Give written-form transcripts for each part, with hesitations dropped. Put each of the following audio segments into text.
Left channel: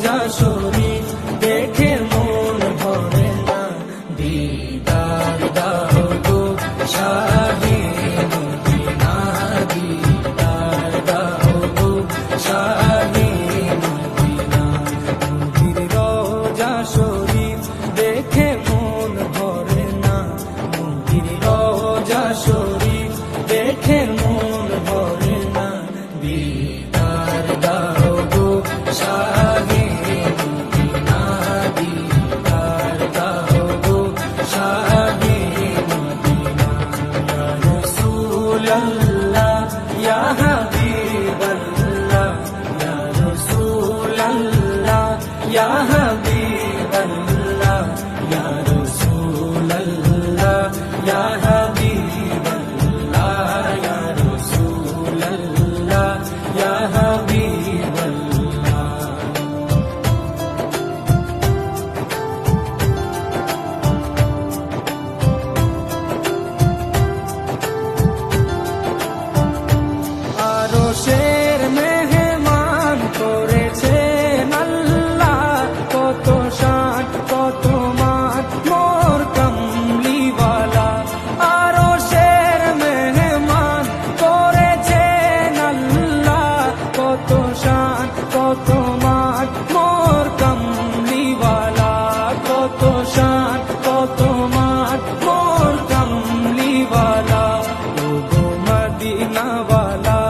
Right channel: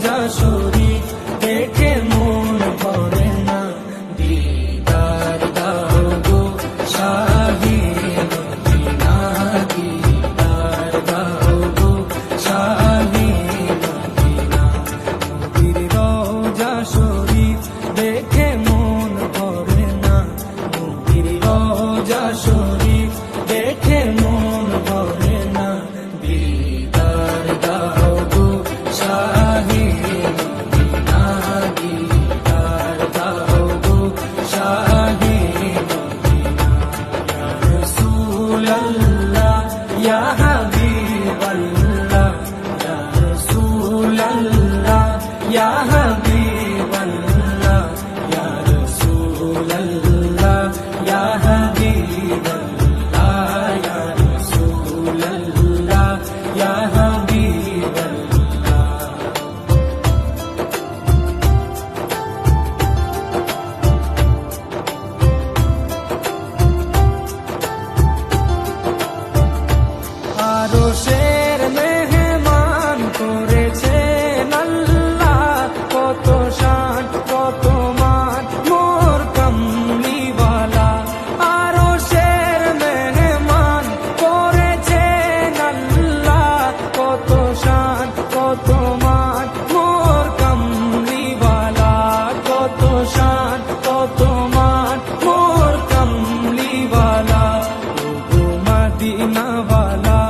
রোজা শরীফ দেখে মন ভরে না, দিদার দাও গো শাহে মদিনা, দিদার দাও গো শাহে মদিনা। নবীর রোজা শরীফ দেখে মন ভরে না, নবীর রোজা শরীফ দেখে মন ভরে না, দিদার দাও গো শাহে মদিনা, দিদার দাও গো শাহে মদিনা। ইয়া রাসূলাল্লাহ ইয়া হাবিবাল্লাহ, ইয়া রাসূলাল্লাহ ইয়া হাবিবাল্লাহ, ইয়া রাসূলাল্লাহ ইয়া হাবিবাল্লাহ, ইয়া রাসূলাল্লাহ ইয়া হাবিবাল্লাহ। আরশের মেহমান করেছেন আল্লাহ, কত শান কত মান মোর কামলিওয়ালা। আরশের মেহমান করেছেন আল্লাহ, কত শান কত মান মোর কামলিওয়ালা, কত শান কত মান মোর কামলিওয়ালা। ও গো মদিনাওয়ালা,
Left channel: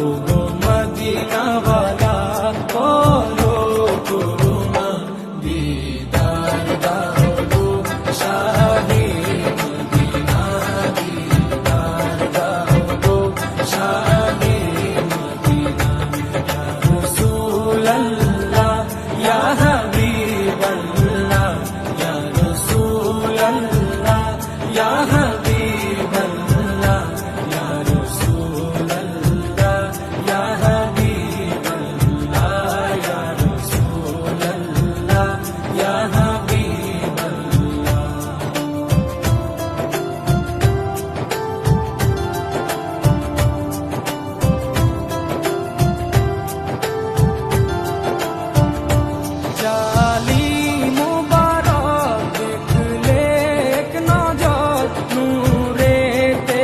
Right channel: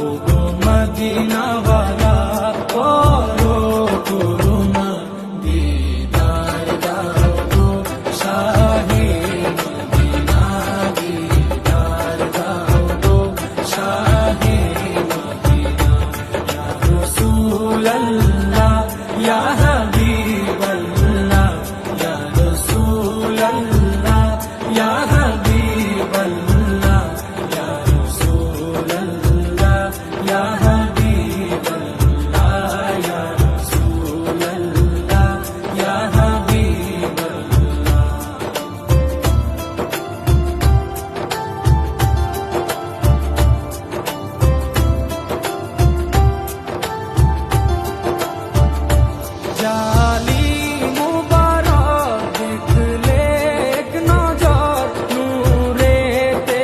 ও গো মদিনাওয়ালা, করো করুণা, দিদার দাও গো শাহে মদিনা, দিদার দাও গো শাহে মদিনা। ইয়া রাসূলাল্লাহ ইয়া হাবিবাল্লাহ, ইয়া রাসূলাল্লাহ ইয়া হাবিবাল্লাহ, ইয়া রাসূলাল্লাহ ইয়া হাবিবাল্লাহ, ইয়া রাসূলাল্লাহ ইয়া হাবিবাল্লাহ। জালি মুবারক দেখলে এক নজর, নূরেতে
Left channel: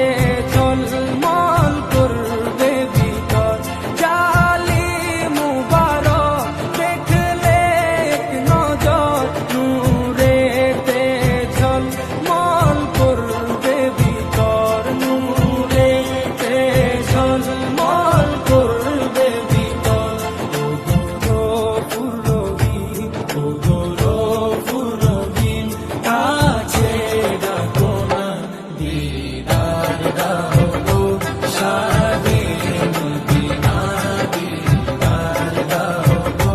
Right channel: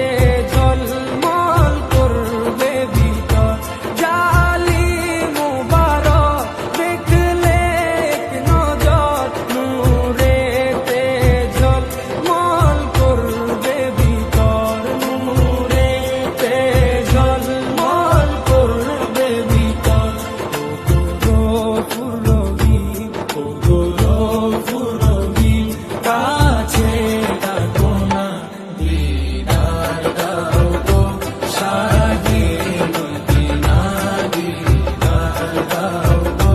ঝলমল করবে ভিতর। জালি মুবারক দেখলে এক নজর, নূরেতে ঝলমল করবে ভিতর, নূরেতে ঝলমল করবে ভিতর। ও গৌরবপুর রহিম, ও গৌরবপুর রহিম, কাছে ডাকো না, দিদার দাও গো শাহে মদিনা, দিদার দাও গো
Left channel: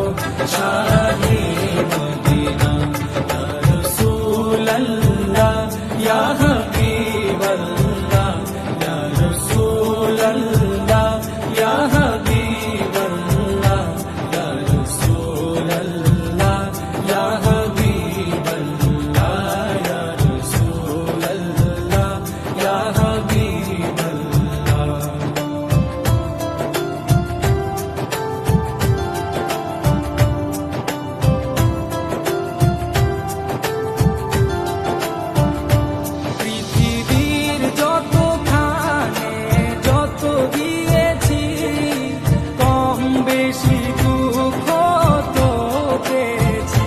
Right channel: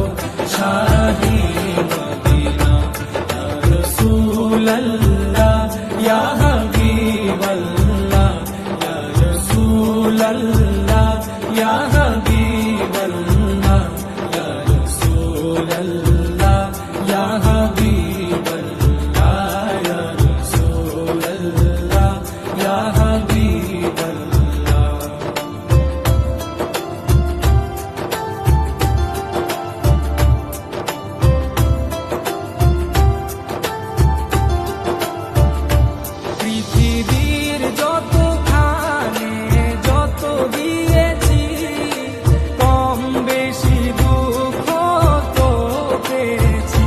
শাহে মদিনা। ইয়া রাসূলাল্লাহ ইয়া হাবিবাল্লাহ, ইয়া রাসূলাল্লাহ ইয়া হাবিবাল্লাহ, ইয়া রাসূলাল্লাহ ইয়া হাবিবাল্লাহ, ইয়া রাসূলাল্লাহ ইয়া হাবিবাল্লাহ। পৃথিবীর যতখানে যত গিয়েছি, কম বেশি দুঃখ তো পেয়েছি।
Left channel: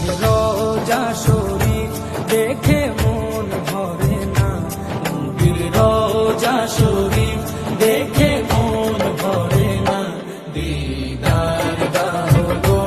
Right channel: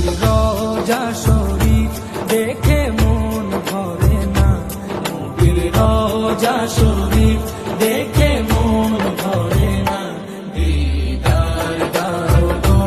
নবীর রওজা শরীফ দেখে মন ভরে না, নবীর রওজা শরীফ দেখে মন ভরে না। দিদার দাও গো